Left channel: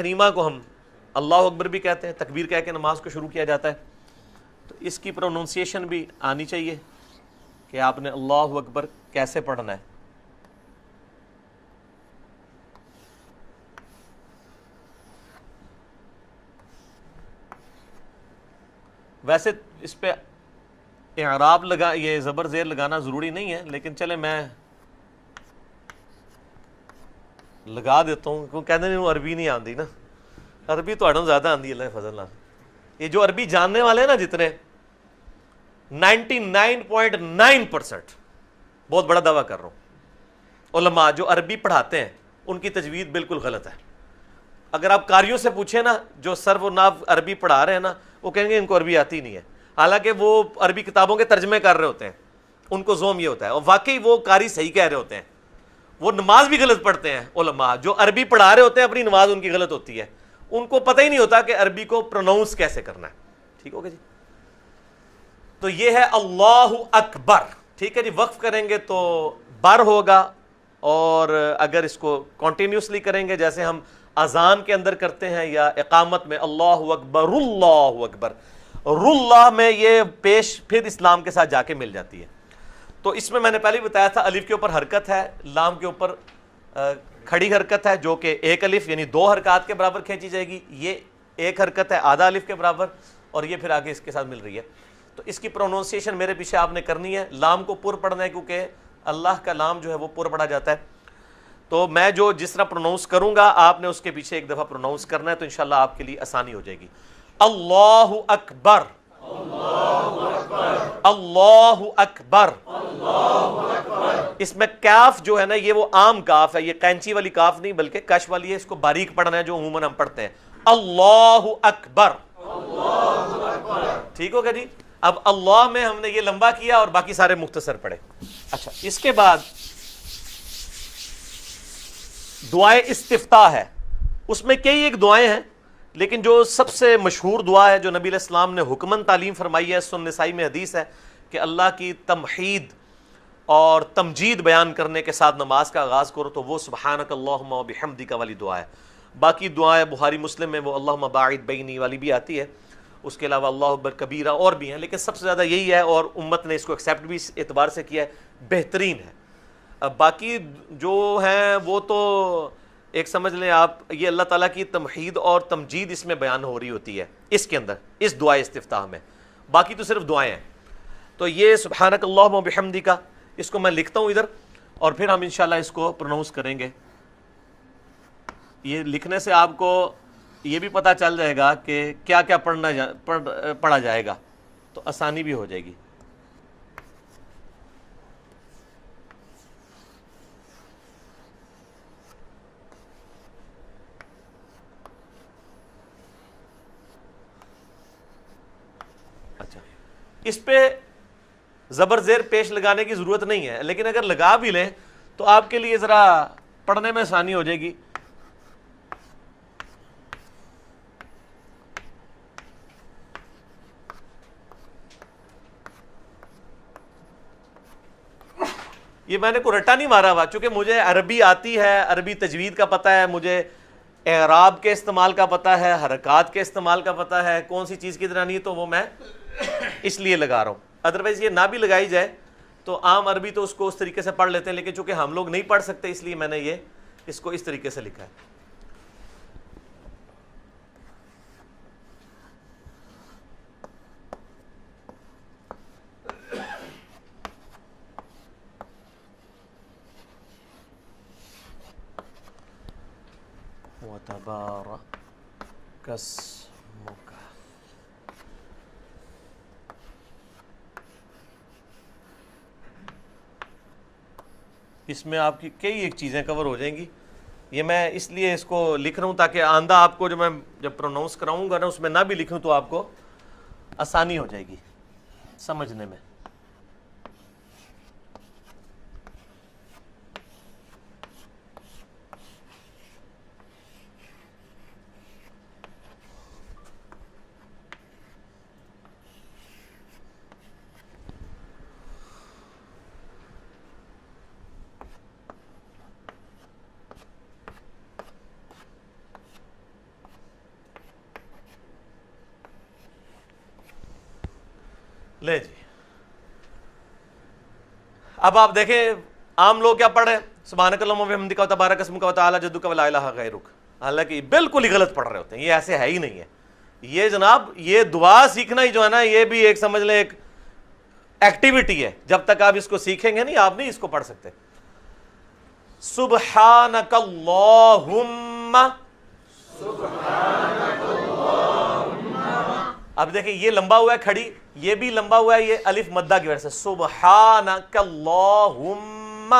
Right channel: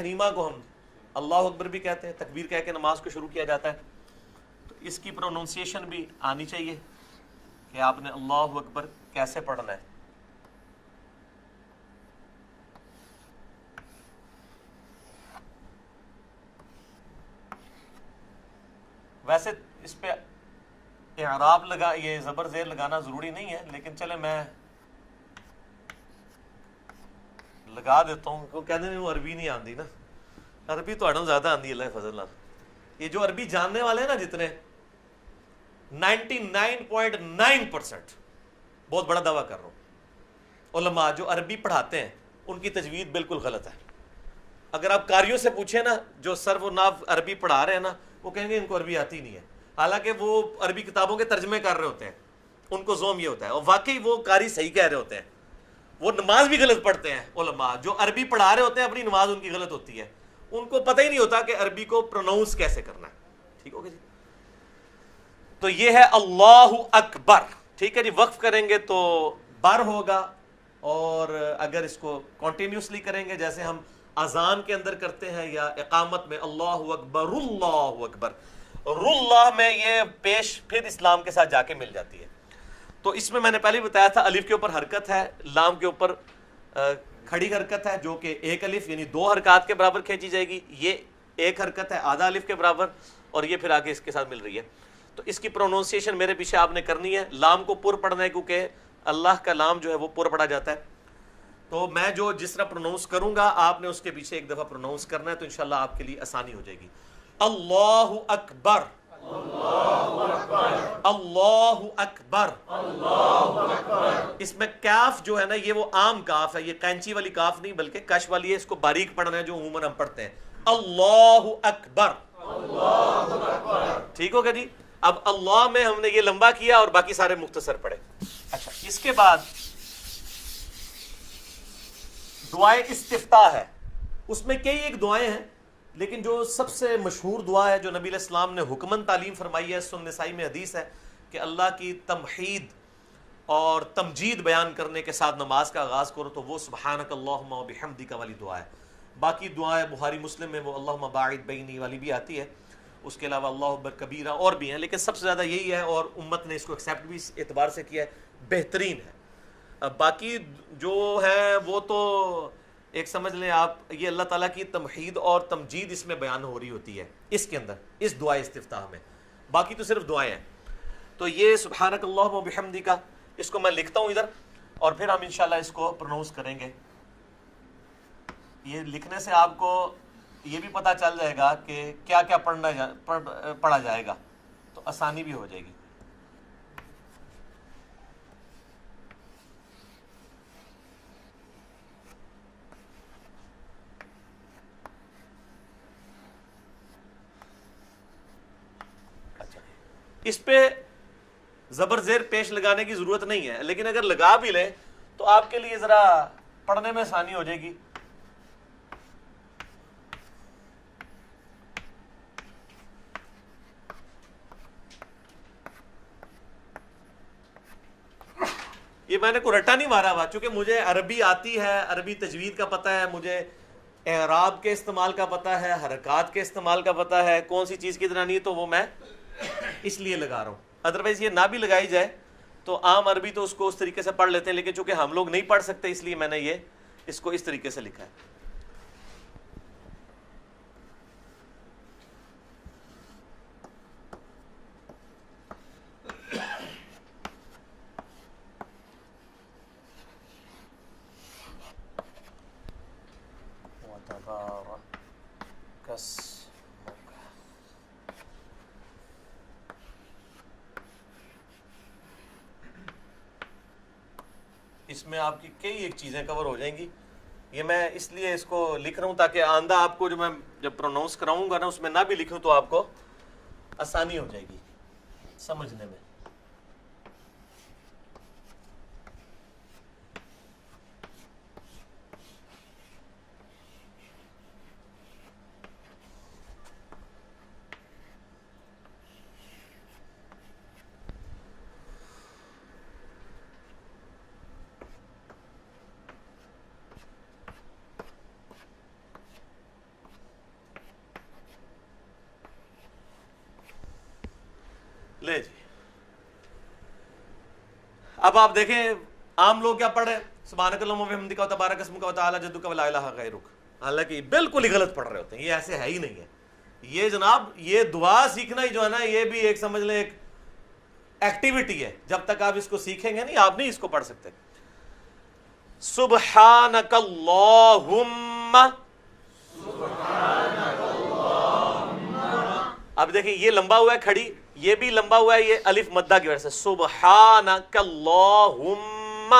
تحریمہ کو ہم اللہ اکبر بھی کہتے ہیں، تکبیر کہہ کے نماز کو شروع کیا جاتا ہے، تو اس کی پروننسیشن بھی آنی چاہیے کہ آپ نے اللہ اکبر کیسے پڑھنا ہے۔ ویسے اس پہ اعراب لگا، یہ زبر زیر لگانا ضروری نہیں ہے، لیکن چلے میں لگا دیتا ہوں، کیوں کہتے ہیں عربی نہیں آندی نا، عربی تو اڑوں زیادہ آندی اللہ فضل اللہ۔ یہ جو عربی جاننے والے ہیں نا جتنے 99.9%، بہت بڑا دعویٰ کر رہا ہوں، علماء جو عربی پڑھاتے ہیں ان کی تجوید بالکل غلط ہے۔ اگر آپ قاریوں سے پوچھیں نا جو سرو و ناو عربی پڑھا رہے ہیں نا، وہ کہیں گے ان کو عربی آتی نہیں ہے، حالانکہ وہ عربی کتابوں کے ترجمے کر رہے ہوتے ہیں، ان کو زوم یہ ہوتا ہے، اور واقعی وہ قاری صحیح کہہ رہے ہوتے ہیں، وہ نماز بھی غلط پڑھتے ہیں۔ علماء جو عربی پڑھا رہے ہوتے ہیں اپنی نماز ان کی غلط ہوتی ہے، ان کو پتہ ہی نہیں ہوتا کہ عربی کو پروناؤنس کیسے کرنا ہے۔ ٹھیک ہوگا جی؟ تو یہ ہے اللہ اکبر، ٹھیک ہے جی؟ وقف کریں گے تو بر ہوگا، اور اگر اس کو کنٹینیوسلی کریں گے جیسے ہم اذان کے اندر کرتے ہیں یا اقامت میں اللہ اکبر اللہ اکبر، اللہ میں یہ پیش پھر اسلام کے ساتھ جا کے مل جاتی ہے۔ تو اس میں نے پہلے ہی بتایا تھا، الف کے اوپر حرکت ہے، لام کے اوپر کھڑی حرکت ہے جو کہ ایک الف یعنی 2 حرکات کے برابر کھینچی جائے گی، یہ ایک حرکت ہے آدھا الف کے برابر، اور یہ پھر آگے اس کے ساتھ مل رہی ہے۔ تو اس کی پروننسیشن میرے پیچھے آپ نے کرنی ہے، لام کو پر پڑھنا ہے کیونکہ اللہ کا لام جو ہے وہ پر پڑھا جاتا ہے، تو میں جو جس طرح پروناؤنس کروں گا آپ نے اس کے پیچھے ایک دفعہ پروناؤنس کرنا ہے، تو انشاءاللہ آپ کے لیے آسانی ہو جائے گی۔ اللہ اکبر، اللہ اکبر۔ اس میں کاف جو ہے نا یہ وہ عام کاف ہے، یہ قینچی والی کاف نہیں بلکہ کش والی ہے، اس کو باریک پڑھنا ہے جو عموماً ہم پڑھتے ہیں، اللہ اکبر۔ ٹھیک ہوگا جی؟ اب اللہ میں ہم نے یہ لمبا کیا اور باقی سارے مختصر پڑھے۔ اچھا، اس کے بعد دعائیں استفتاح ہے، اس میں کئی ایک دعائیں ہیں، لیکن جو سب سے مشہور دعا ہے جو نبی علیہ السلام نے حکمن تعلیم فرمائی ہے، سنن نسائی میں حدیث ہے کہ اللہ کی تمحید اور تمجید بیان کرنے کے ساتھ نماز کا آغاز کرو، تو وہ سبحانک اللہم و بحمدک والی دعا ہے۔ باقی دعائیں بخاری مسلم میں وہ اللہم باعد بینی والی بھی آتی ہے، اس کے علاوہ اللہ اکبر کبیرہ اور بھی ہیں، لیکن سب سے زیادہ یہی ہے، اور امت نے اس کو ایکسیپٹ بھی اس اعتبار سے کیا ہے، بہترین ہے۔ اب باقی جو ہیں وہ تو ایک سمجھ لیں آپ، یہ اللہ تعالیٰ کی تمحید اور تمجید اس میں بیان ہو رہی ہوتی ہے اس کے اندر، اس دعائے استفتاح میں، باقی تو صرف دعائیں ہیں۔ تو یہ سبحانک اللہم و بحمدک، اس کو میں لکھتا ہوں ادھر، اور پھر ہم انشاءاللہ اس کو پروناؤنس کریں گے۔ یہ لکھنے سے آپ کو یہ بھی پتہ چل جائے گا کہ کیا کیا پڑھا جائے گا، تو آسانی بھی ہو جائے گی۔ اچھا، اس پہ زبر زیر پیش لگانے کی ضرورت نہیں ہے، لیکن اگر لگا بھی لیں تو آپ کے لیے ذرا پڑھنے میں آسانی ہو جائے گی۔ یہ میں نے کوئی رٹا نہیں مارا ہوا، چونکہ مجھے عربی آتی ہے، عربی تجوید کا پتہ ہے، مجھے اعراب کے استعمال کا پتہ ہے، حرکات کے استعمال کا پتہ ہے، کون سی چیز کدھر آنی ہے، تو وہ میں اس لیے لگا رہا ہوں۔ ادروائز یہ نہ بھی لگائی جائے تو عام عربی تو اس کو اس طریقے سے پڑھ لیتے ہیں، لیکن چونکہ ہم لوگ نہیں پڑھ سکتے اس لیے میں نے یہ اس کو اس طریقے سے لکھا ہے۔ وَتَبَارَكَ اسْمُكَ، اس میں آپ کی کئی ایک چیزیں کور ہو جائیں گی۔ یہ میں اس لیے اس کو لکھ رہا ہوں تاکہ آئندہ آپ کو جو میں جب پروناؤنس کراؤں گا نا اس میں نہ بھی لکھوں تو آپ کو آسانی ہو جائے گی سمجھنے میں۔ لے جی اب آپ دیکھیں عام لوگ کیا پڑھ رہے ہیں سبحانک اللہم و بحمدک و تبارک اسمک و تعالی جدک و لا الہ غیرک، حالانکہ بالکل ہی غلط پڑھ رہے ہوتے ہیں، یہ ایسے ہے ہی نہیں ہے۔ یہ جناب یہ دعا سیکھنا ہی جو ہے نا یہ بھی ایک سمجھ لیں ایک ایکٹیویٹی ہے، جب تک آپ اس کو سیکھیں گے نہیں آپ نہیں اس کو پڑھ سکتے۔ سبحانک اللہم، اب دیکھیں یہ لمبا ہوا ہے کھڑی، یہ بھی لمبا ہوا ہے، یہ الف مدہ کی وجہ سے، سبحانک اللہم،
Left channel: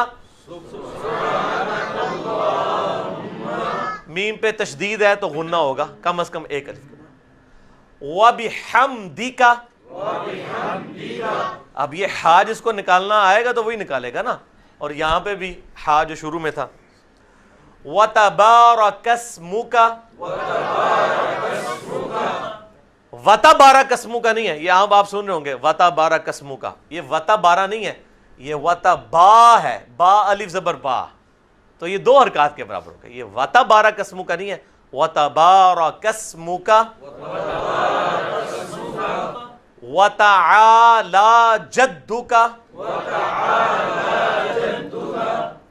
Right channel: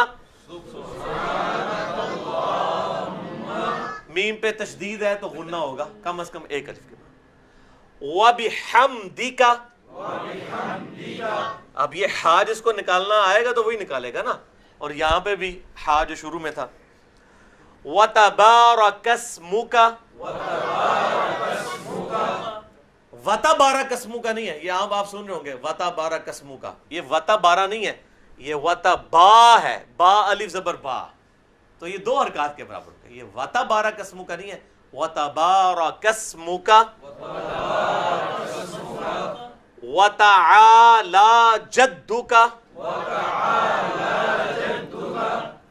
میم پہ تشدید ہے تو غنہ ہوگا کم از کم ایک الف کے بعد، وبحمدک، اب یہ ہا جس کو نکالنا آئے گا تو وہی نکالے گا نا، اور یہاں پہ بھی ہا جو شروع میں تھا، وتبارک اسمک، وتبارک اسمک نہیں ہے، یہ آپ سن رہے ہوں گے وتبارک اسمک، یہ وتبارہ نہیں ہے، یہ وتبا ہے، با الف زبر با، تو یہ دو حرکات کے برابر ہو گئے، یہ وتبارک اسمک نہیں ہے، وتبارک اسمک وتعالی جدک،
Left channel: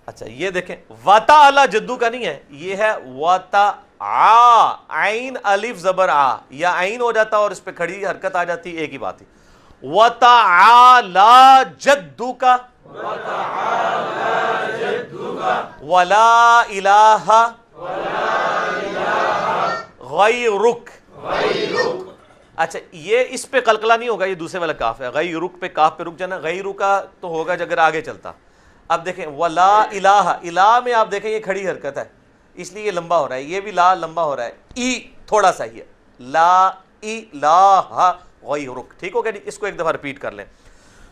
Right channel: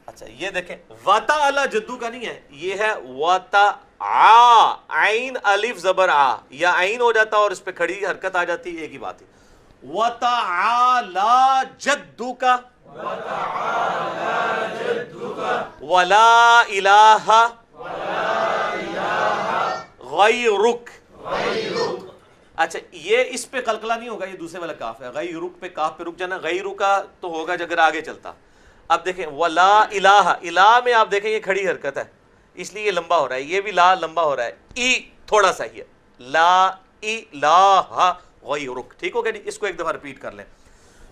اچھا یہ دیکھیں وتعالی جدو کا نہیں ہے، یہ ہے وتع، عین الف زبر آ، یا عین ہو جاتا اور اس پہ کھڑی حرکت آ جاتی، ایک ہی بات ہے، وتعالی جدک ولا الہ غیرک، اچھا یہ اس پہ قلقلہ نہیں ہوگا، یہ دوسرے والا کاف ہے، غیرک پہ کاف پہ رک جانا، غیرکا تو ہوگا اگر آگے چلتا۔ اب دیکھیں ولا الہ، الہ میں آپ دیکھیں یہ کھڑی حرکت ہے اس لیے یہ لمبا ہو رہا ہے، یہ بھی لا لمبا ہو رہا ہے، ای تھوڑا سا ہی ہے، لا الہ غیرک، ٹھیک ہو گیا جی، اس کو ایک دفعہ ریپیٹ کر لیں،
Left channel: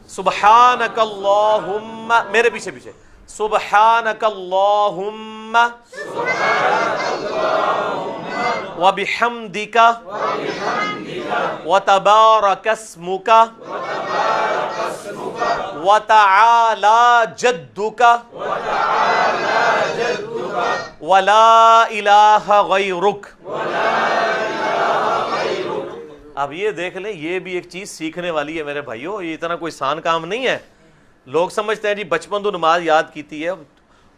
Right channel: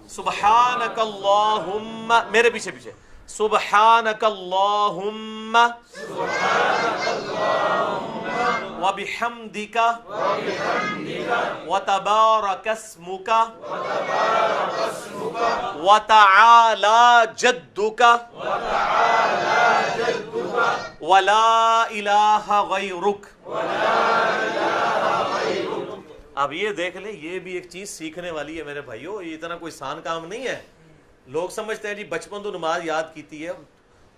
سبحانک اللہم، میرے پیچھے پیچھے، سبحانک اللہم وبحمدک وتبارک اسمک وتعالی جدک ولا الہ غیرک۔ اب یہ دیکھ لیں یہ بھی ایک چیز سیکھنے والی ہے میرے بھائیو، یہ اتنا کوئی آسان کام نہیں ہے۔ لوگ سمجھتے ہیں جی بچپن تو نماز یاد کیتی ہے،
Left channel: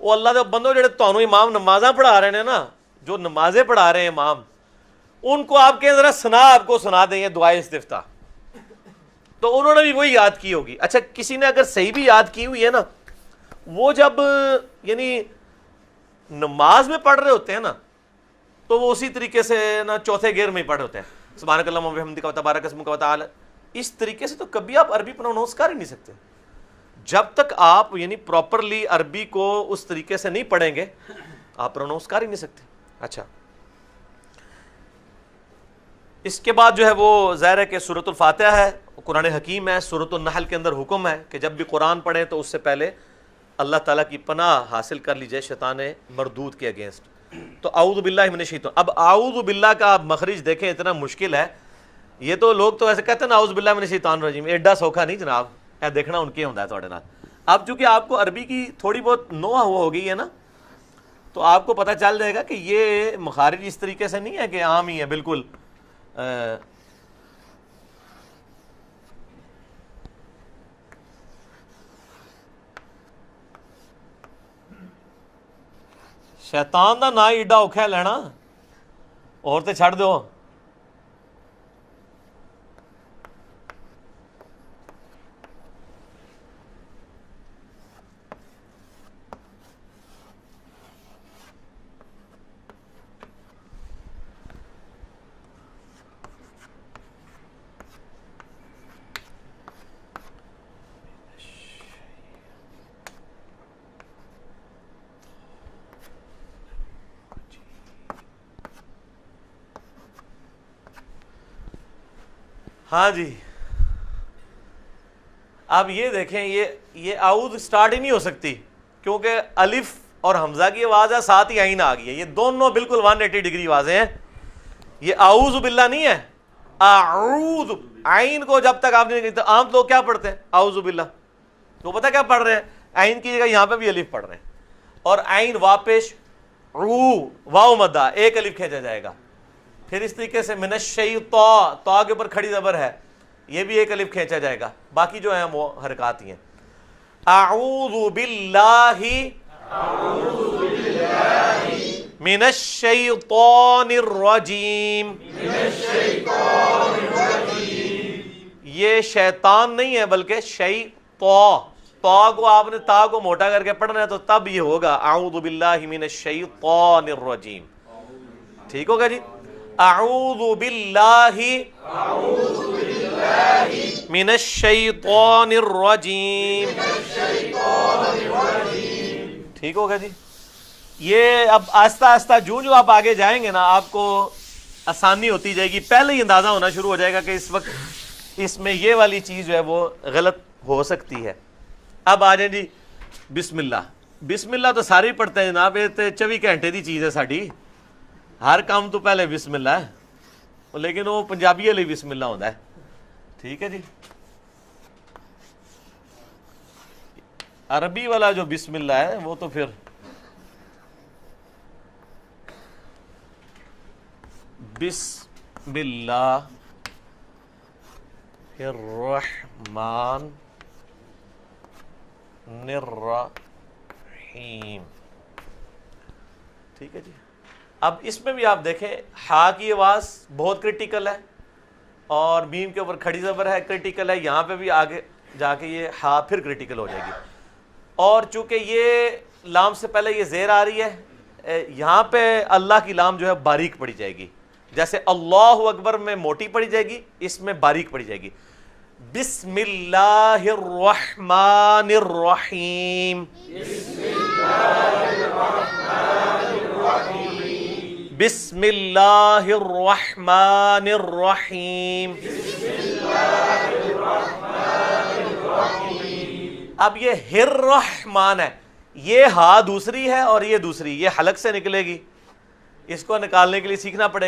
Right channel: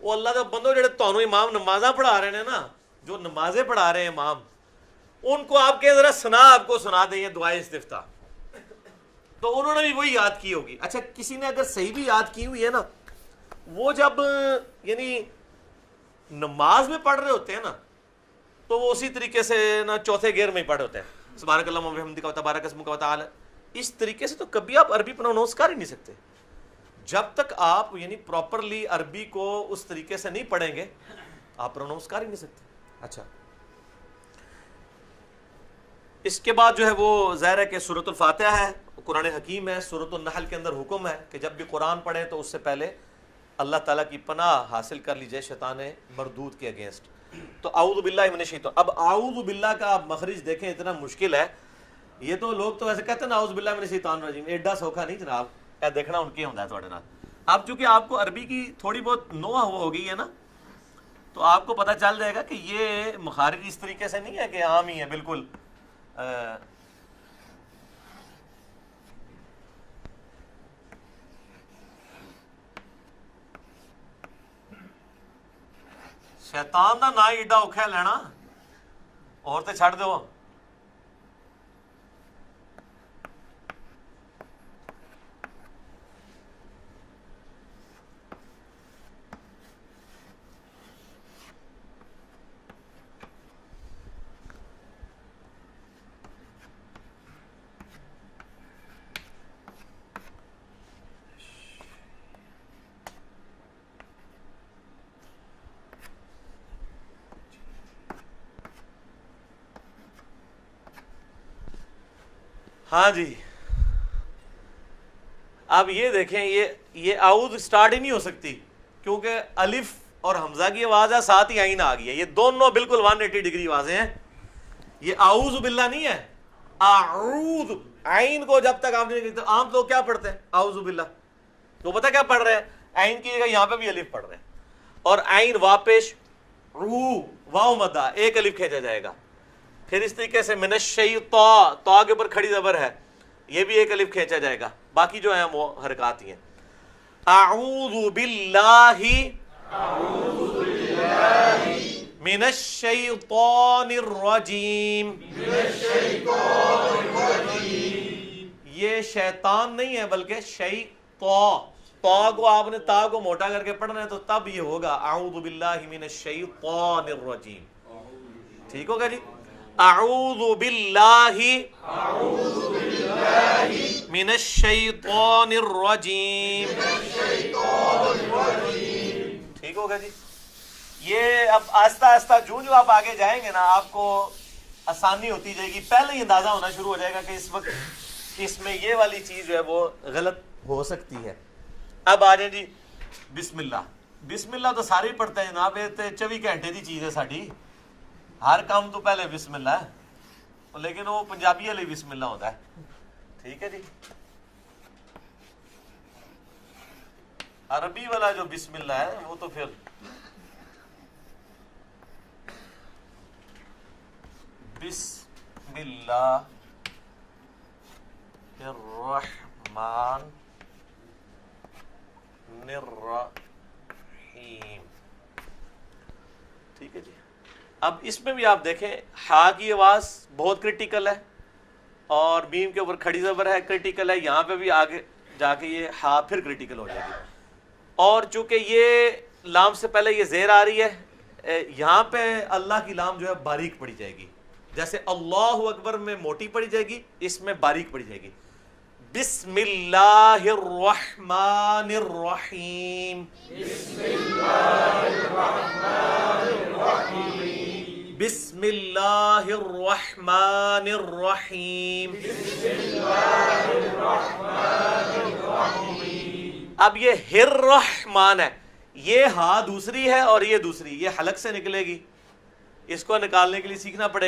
وہ اللہ دے بندو جڑے تانوں امام نمازاں پڑھا رہے ہیں نا، جو نمازیں پڑھا رہے ہیں امام، ان کو آپ کے ذرا سنا آپ کو سنا دیں یہ دعائے استفتاح، تو انہوں نے بھی وہی یاد کی ہوگی۔ اچھا کسی نے اگر صحیح بھی یاد کی ہوئی ہے نا، وہ جب یعنی نماز میں پڑھ رہے ہوتے ہیں نا تو وہ اسی طریقے سے نا چوتھے گیئر میں ہی پڑھ رہے ہوتے ہیں، سبحانک اللہم و بحمدک و تبارک اسمک و تعالی، اس طریقے سے تو کبھی آپ عربی پروناؤنس کر ہی نہیں سکتے جب تک آپ یعنی پراپرلی عربی کو اس طریقے سے نہیں پڑھیں گے، آپ پروناؤنس کر ہی نہیں سکتے۔ اچھا اس کے بعد جو ہے وہ ظاہر ہے کہ سورۃ الفاتحہ ہے، قرآن حکیم ہے، سورۃ النحل کے اندر حکم ہے کہ جب بھی قرآن پڑھیں تو اس سے پہلے اللہ تعالیٰ کی پناہ حاصل کر لیجئے شیطان مردود کے اگینسٹ۔ تو اعوذ باللہ من الشیطان، اب اعوذ باللہ کا آپ مخرج دیکھیں اتنا مشکل ہے، یہ تو لوگ تو ایسے کہتے ہیں نا اعوذ باللہ من الشیطان الرجیم، ایڈا سوکھا نہیں جناب، اے دیکھنا ان کے ہوندا ہے تھوڑے نال۔ اب چونکہ آپ کو عربی کی تھوڑی بہت نوح ہو گئی ہے نا، تو آپ کو پتہ چل جائے گا کہ یہ مخارج اس طریقے سے نہیں ہے کہ عام ہی ہے بالکل۔ شیطان دا نا ایڈا اوکھا ہے لینا، اور تے چھڑ دو۔ ہاں جی اب یہ دیکھیں یہ اعوذ سٹارٹ ہی نہیں ہو سکتی کیونکہ الف اور حمزہ کی آواز ہے، ساتھ ہی عین آ گئی ہے، یہ دونوں بالکل 180 ڈگری آوازیں ہیں۔ یہ اعوذ باللہ نہیں ہے، اعوذ، عین کو جب تک آپ نے، عام لوگ کیا پڑھتے ہیں اعوذ باللہ، تو پتہ کیا پڑھ رہے ہیں، عین کی جگہ یہاں پہ بھی الف پڑھ رہے ہیں، اور عین واپش واو مدہ ایک الف کھینچا جائے گا، پھر اس طریقے سے من الشیطان، تا کے اوپر کھڑی زبر ہے، یہ بھی ایک الف کھینچا جائے گا، باقی جو ہیں وہ حرکات ہی ہیں۔ اعوذ باللہ من الشیطان الرجیم، یہ شیطان نہیں ہے بلکہ تا کو آپ نے تا کو موٹا کر کے پڑھنا ہے تو تب یہ ہوگا اعوذ باللہ من الشیطان الرجیم، ٹھیک ہوگا جی۔ اعوذ باللہ من الشیطان الرجیم، ٹھیک ہوگا جی۔ یہ اب آہستہ آہستہ جو آپ آگے جائیں گے نا آپ کو آسانی ہوتی جائے گی، پہلے ہی اندازہ ہونا شروع ہو جائے گا کہ اس وقت اس میں یہ والی چیز جو ہے وہ غلط ہو سکتی ہے۔ اب آ جائیں جی بسم اللہ۔ بسم اللہ تو سارے ہی پڑھتے ہیں جناب، یہ تو 24 گھنٹے دی چیز ہے ساڈی، ہر کام تو پہلے بسم اللہ ہے، لیکن وہ پنجابی والی بسم اللہ ہوتا ہے، ٹھیک ہے جی۔ عربی والا جو بسم اللہ ہے وہ تو پھر بسم اللہ الرحمن الرحیم، ٹھیک ہے جی۔ اب اس میں بھی آپ دیکھیں ہا کی آواز بہت کرٹیکل ہے اور میم کے اوپر کھڑی زبر ہے کرٹیکل ہے، یہاں پہ بھی آگے جا کے یہ ہا پھر کرٹیکل ہو جائے گی، اور چونکہ یہ لام سے پہلے یہ زیر آ رہی ہے، یہاں پہ اللہ کی لام جو ہے باریک پڑی جائے گی، جیسے اللہ اکبر میں موٹی پڑی جائے گی، اس میں باریک پڑی جائے گی۔ بسم اللہ الرحمن الرحیم، بسم اللہ الرحمن الرحیم۔ اب یہ الرحمن ہے، یہ ہا دوسری ہے اور یہ دوسری، یہ حلق سے نکلے گی، اس کو نکالنے کے لیے سیکھنا پڑے گا۔